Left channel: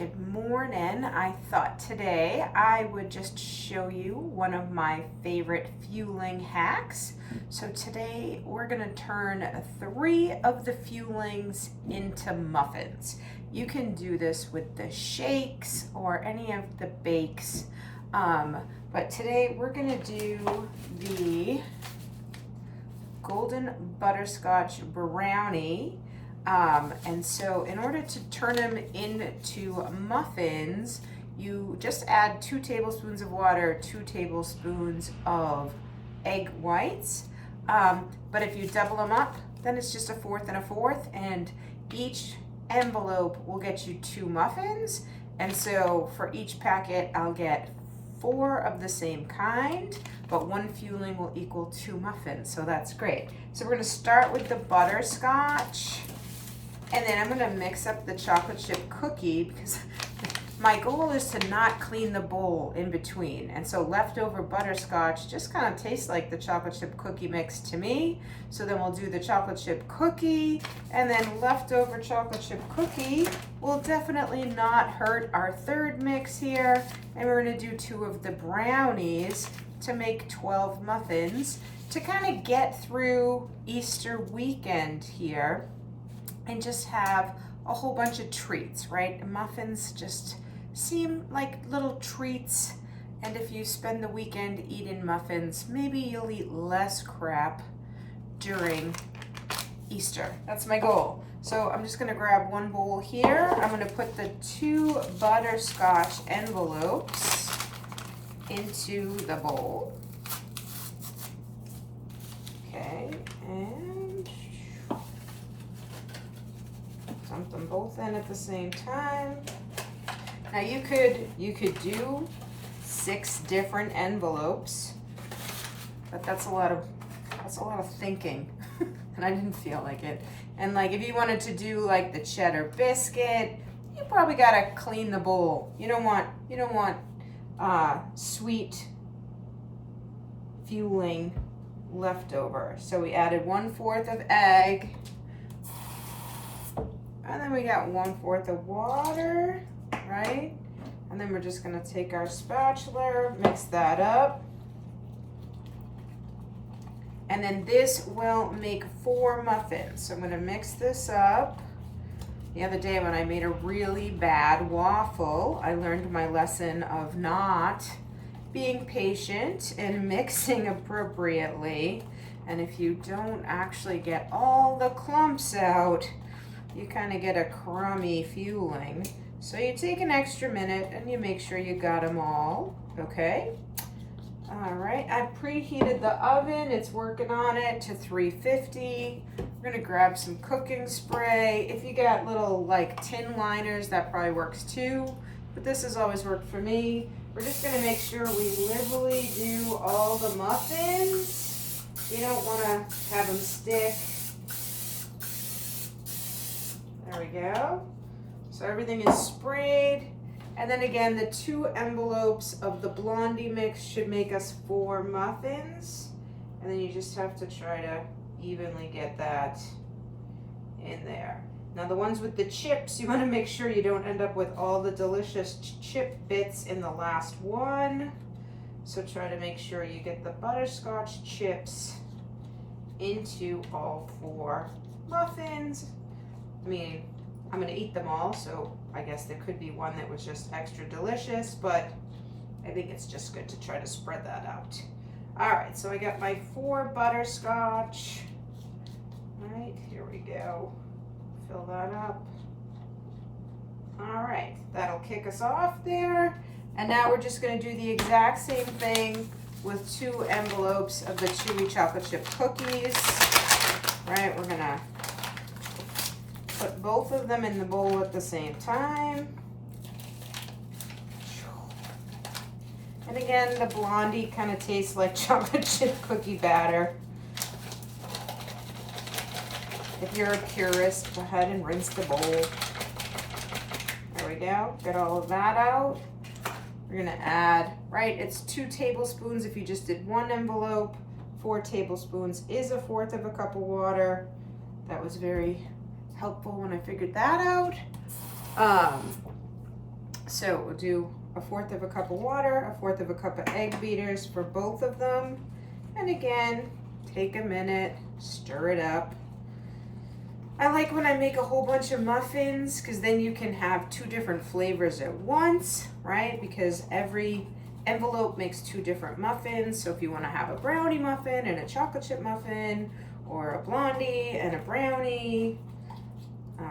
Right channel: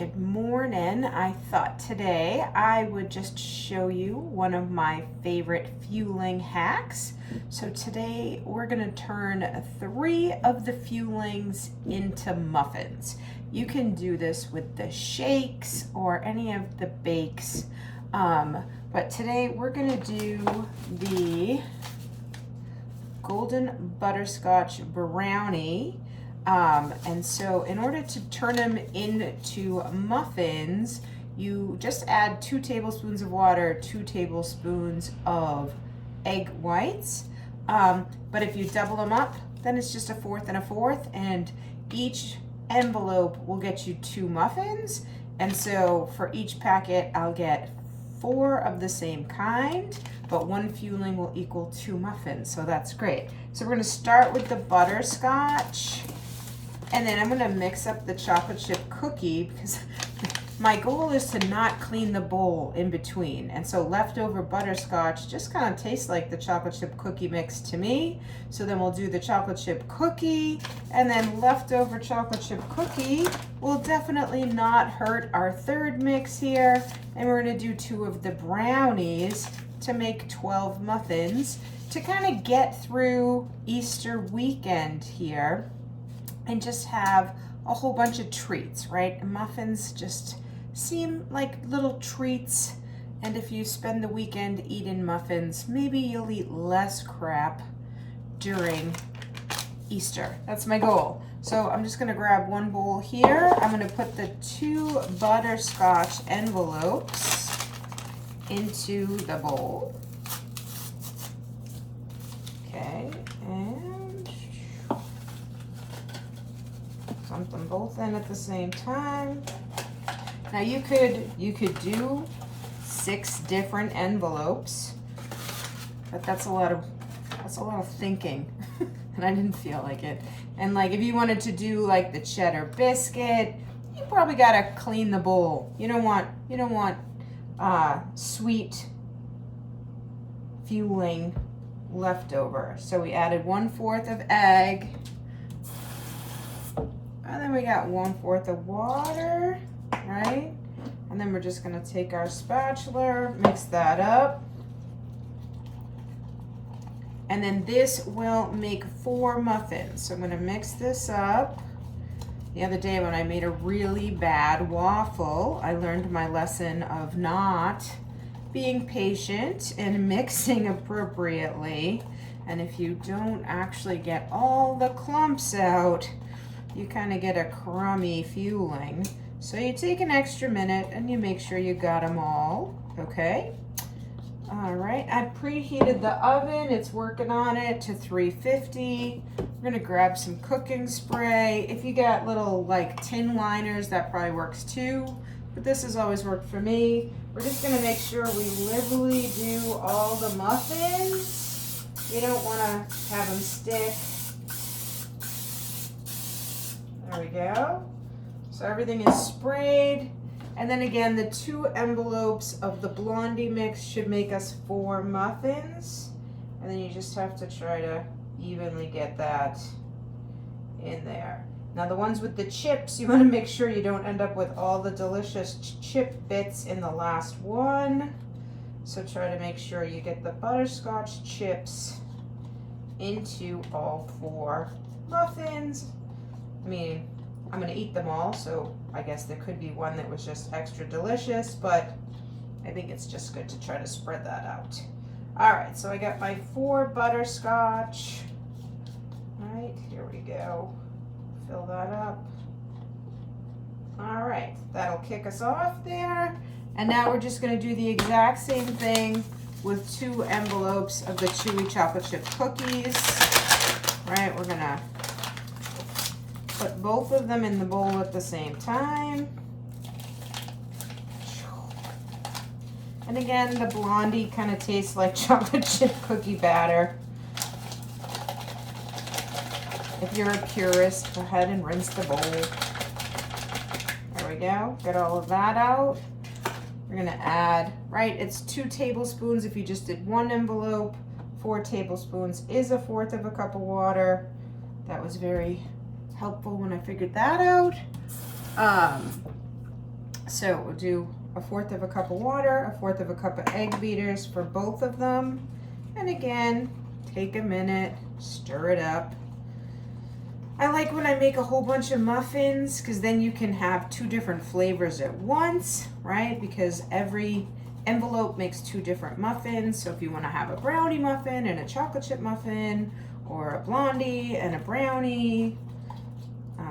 Good morning. I thought today I would just show you one of my favorite fueling hacks. So today we're going to turn 3 of the fuelings into muffins. You can do this with the shakes or any of the bakes. But today we're going to do the golden butterscotch brownie. And so in order to turn them into muffins, you just add 2 tablespoons of water, 2 tablespoons of egg whites. But if you double them up, then it's just 1/4 and 1/4, and each envelope will get you 2 muffins. And so for each packet, I'll get 4 of the same kind, but 1 fueling will equal 2 muffins. So that's great. So we're going to start with the butterscotch. And then I'm going to mix up the chocolate chip cookie because my goal is to not clean the bowl in between. And so leftover butterscotch just kind of tastes like the chocolate chip cookie mix to me. So then we'll do the chocolate chip cookie, and then leftover chocolate chip cookie will definitely not hurt our third mix here. And we're going to do 2 of the brownies to make 12 muffins to kind of get through Easter weekend here. And just have a whole bunch of treats, right? Muffins just seem like little treats. And if you spend the weekend eating muffins, maybe you'll eat less crap during Easter. That's my goal. So I'm just gonna grab 1 bowl here. I'm gonna put the 2 butterscotch envelopes into the bowl. Okay, and dump them both in at the same time. Now you could do 6 different envelopes, but that's a lot of thinking, and I didn't feel like it. And like if you wanted to do like the cheddar biscuit, you probably gotta clean the bowl. You don't want sweet fueling leftover. So we added 1/4 of egg. And then we got 1/4 of water, right? And then we're just gonna take our spatula, mix that up. And then this will make 4 muffins. So I'm gonna mix this up. The other day when I made a really bad waffle, I learned my lesson of not being patient and mixing appropriately. And if you don't actually get all the clumps out, you kind of get a crummy fueling. So you take an extra minute and you make sure you got them all, okay? All right, I preheated the oven. It's working on it to 350. We're gonna grab some cooking spray. If you got little like tin liners, that probably works too, but this has always worked for me. We're just gonna make sure we liberally do all the muffins. You don't wanna have them stick. There we go. So everything is sprayed. And then again, the 2 envelopes of the blondie mix should make us 4 muffins. And then you just have to try to evenly get that in there. Now the ones with the chips, you want to make sure you don't end up with all the delicious chip bits in the last one. So try to make sure you get the butterscotch chips into all 4 muffins. I mean, I'm gonna eat them all, so I guess there could be one that was just extra delicious, but I think it's just good to try to spread that out. All right, so I got my 4 butterscotch. All right, here we go. Fill that up. All right, that'll kick us off there. And now we're just gonna do the exact same thing with 2 envelopes of the chewy chocolate chip cookies. All right, we're gonna put both of them in the bowl at the same time. And again, the blondie kind of tastes like chocolate chip cookie batter. If you're a purist, go ahead and rinse the bowl. There we go, get all of that out. We're gonna add, right, it's 2 tablespoons if you just did 1 envelope. 4 tablespoons is 1/4 of a cup of water. That was very helpful when I figured that out. So we'll do 1/4 of a cup of water, 1/4 of a cup of egg beaters for both of them. And again, take a minute, stir it up. I like when I make a whole bunch of muffins because then you can have 2 different flavors at once, right? Because every envelope makes 2 different muffins. So if you want to have a brownie muffin and a chocolate chip muffin, or a blondie and a brownie.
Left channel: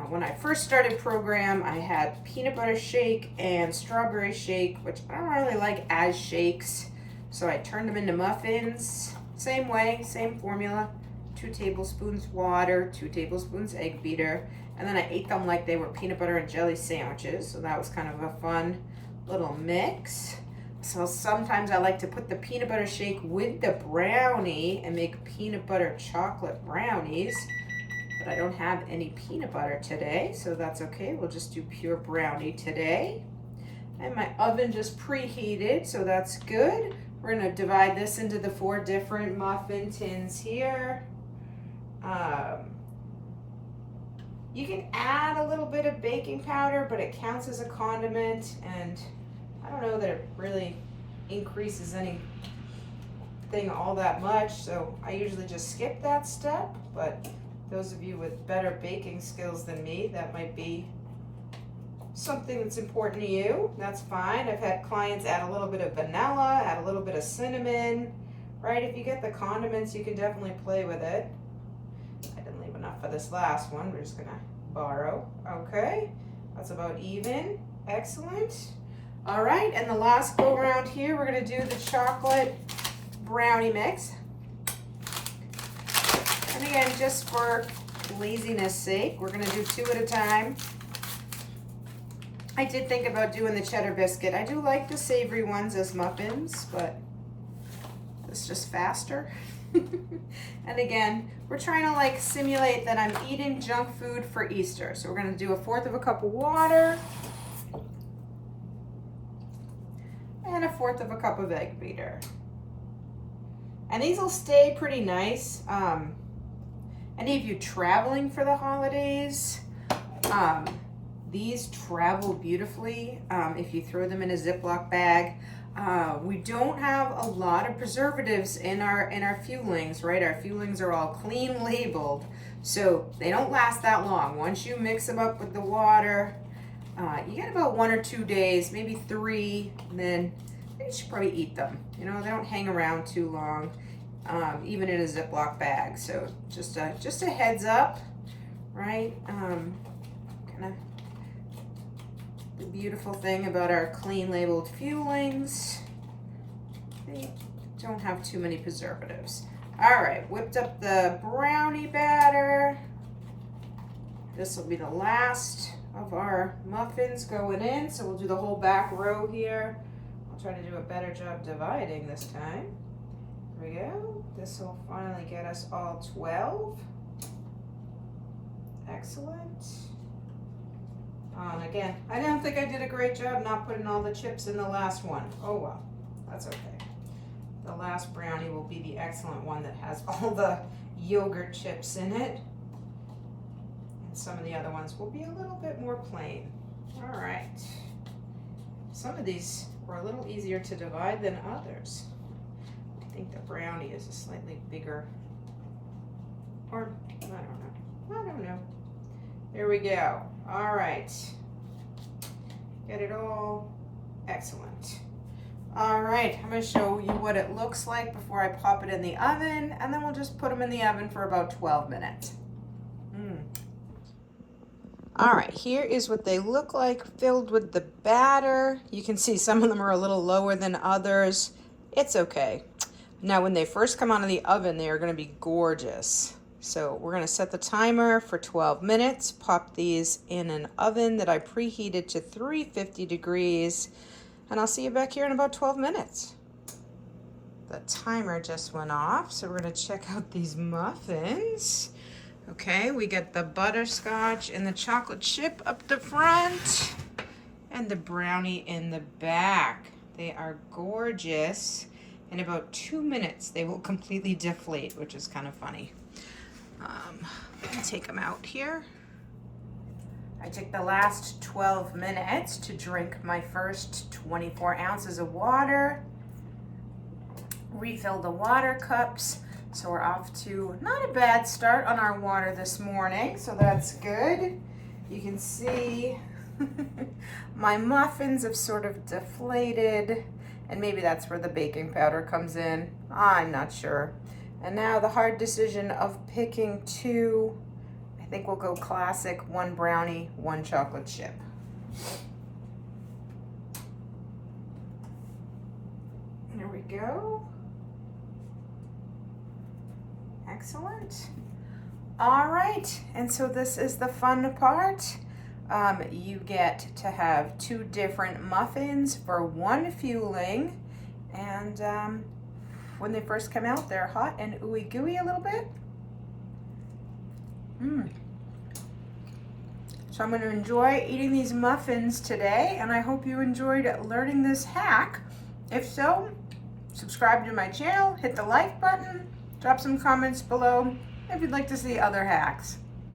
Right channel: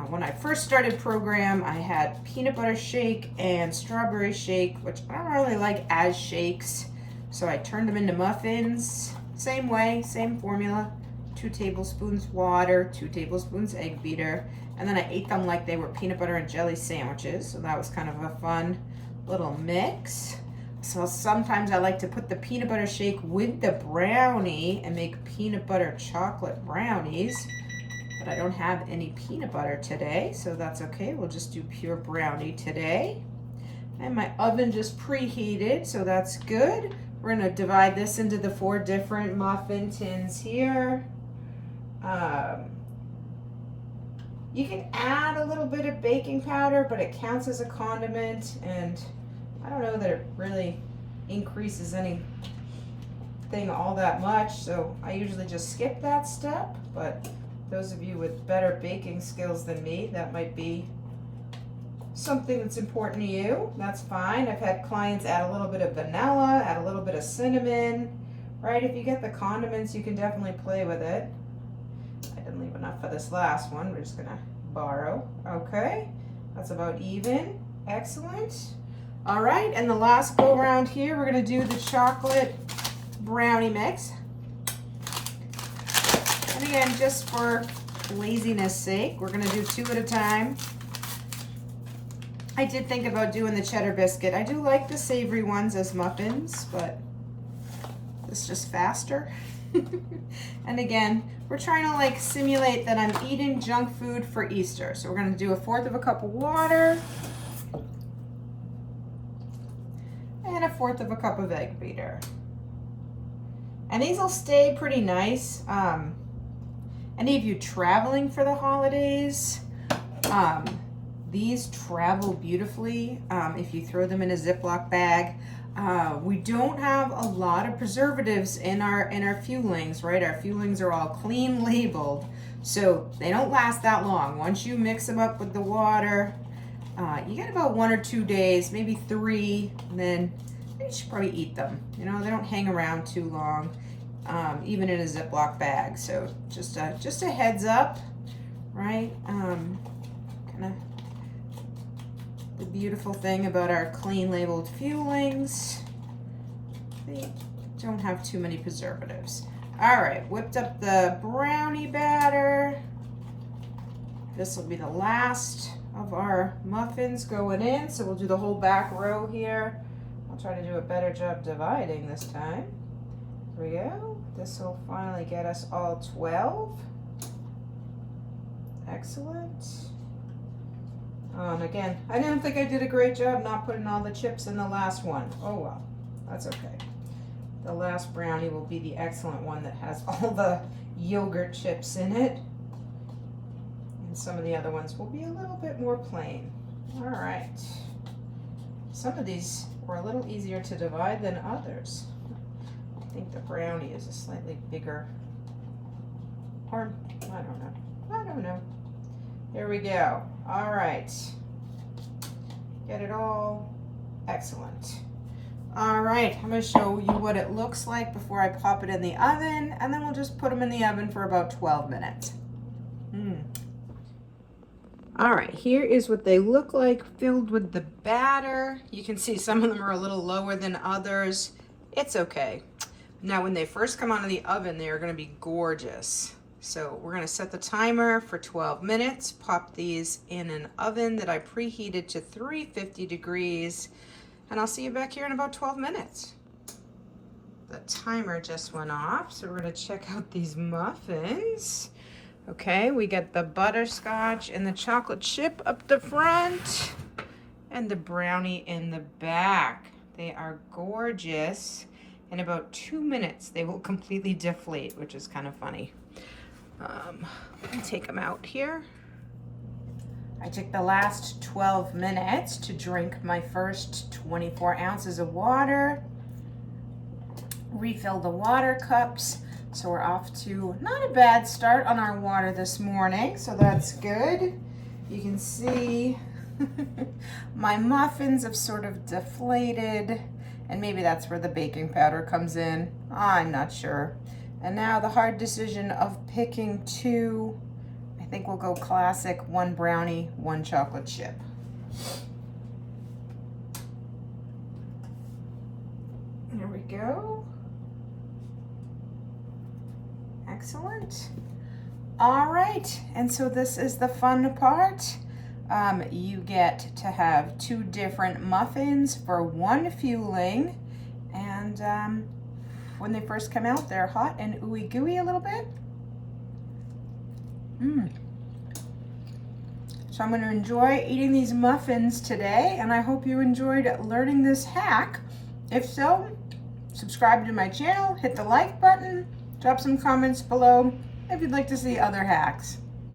When I first started program, I had peanut butter shake and strawberry shake, which I don't really like as shakes. So I turned them into muffins. Same way, same formula. 2 tablespoons water, 2 tablespoons egg beater, and then I ate them like they were peanut butter and jelly sandwiches. So that was kind of a fun little mix. So sometimes I like to put the peanut butter shake with the brownie and make peanut butter chocolate brownies. But I don't have any peanut butter today, so that's okay. We'll just do pure brownie today. And my oven just preheated, so that's good. We're gonna divide this into the 4 different muffin tins here. You can add a little bit of baking powder, but it counts as a condiment, and I don't know that it really increases anything all that much, so I usually just skip that step. But those of you with better baking skills than me, that might be something that's important to you. That's fine. I've had clients add a little bit of vanilla, add a little bit of cinnamon, right? If you get the condiments, you can definitely play with it. I didn't leave enough for this last one. We're just gonna borrow. Okay, that's about even. Excellent. All right, and the last go around here, we're gonna do the chocolate brownie mix. And again, just for laziness sake, we're gonna do 2 at a time. I did think about doing the cheddar biscuit. I do like the savory ones as muffins, but it's just faster. And again, we're trying to like simulate that I'm eating junk food for Easter. So we're gonna do 1/4 of a cup of water and 1/4 of a cup of egg beater. And these will stay pretty nice. Any of you traveling for the holidays, these travel beautifully if you throw them in a Ziploc bag. We don't have a lot of preservatives in our fuelings, right? Our fuelings are all clean labeled, so they don't last that long. Once you mix them up with the water, you get about 1 or 2 days, maybe 3, and then you should probably eat them. You know, they don't hang around too long, even in a Ziploc bag. So just a heads up, right? Kind of the beautiful thing about our clean labeled fuelings, they don't have too many preservatives. All right, whipped up the brownie batter. This will be the last of our muffins going in, so we'll do the whole back row here. I'll try to do a better job dividing this time. Here we go. This will finally get us all 12. Excellent. And again, I don't think I did a great job not putting all the chips in the last one. Oh well, that's okay. The last brownie will be the excellent one that has all the yogurt chips in it. And some of the other ones will be a little bit more plain. All right. Some of these were a little easier to divide than others. I think the brownie is a slightly bigger, or I don't know. There we go. All right. Get it all. Excellent. All right, I'm going to show you what it looks like before I pop it in the oven, and then we'll just put them in the oven for about 12 minutes. All right, here is what they look like filled with the batter. You can see some of them are a little lower than others. It's okay. Now, when they first come out of the oven, they are going to be gorgeous. So we're going to set the timer for 12 minutes, pop these in an oven that I preheated to 350 degrees, and I'll see you back here in about 12 minutes. The timer just went off, so we're going to check out these muffins. Okay, we get the butterscotch and the chocolate chip up the front, and the brownie in the back. They are gorgeous. In about 2 minutes, they will completely deflate, which is kind of funny. Let me take them out here. I took the last 12 minutes to drink my first 24 ounces of water, refill the water cups. So we're off to not a bad start on our water this morning, so that's good. You can see my muffins have sort of deflated, and maybe that's where the baking powder comes in. I'm not sure. And now the hard decision of picking two. I think we'll go classic, one brownie, one chocolate chip. There we go. Excellent. All right, and so this is the fun part. You get to have two different muffins for one fueling, and when they first come out, they're hot and ooey gooey a little bit. So I'm going to enjoy eating these muffins today, and I hope you enjoyed learning this hack. If so, subscribe to my channel, hit the like button, drop some comments below if you'd like to see other hacks.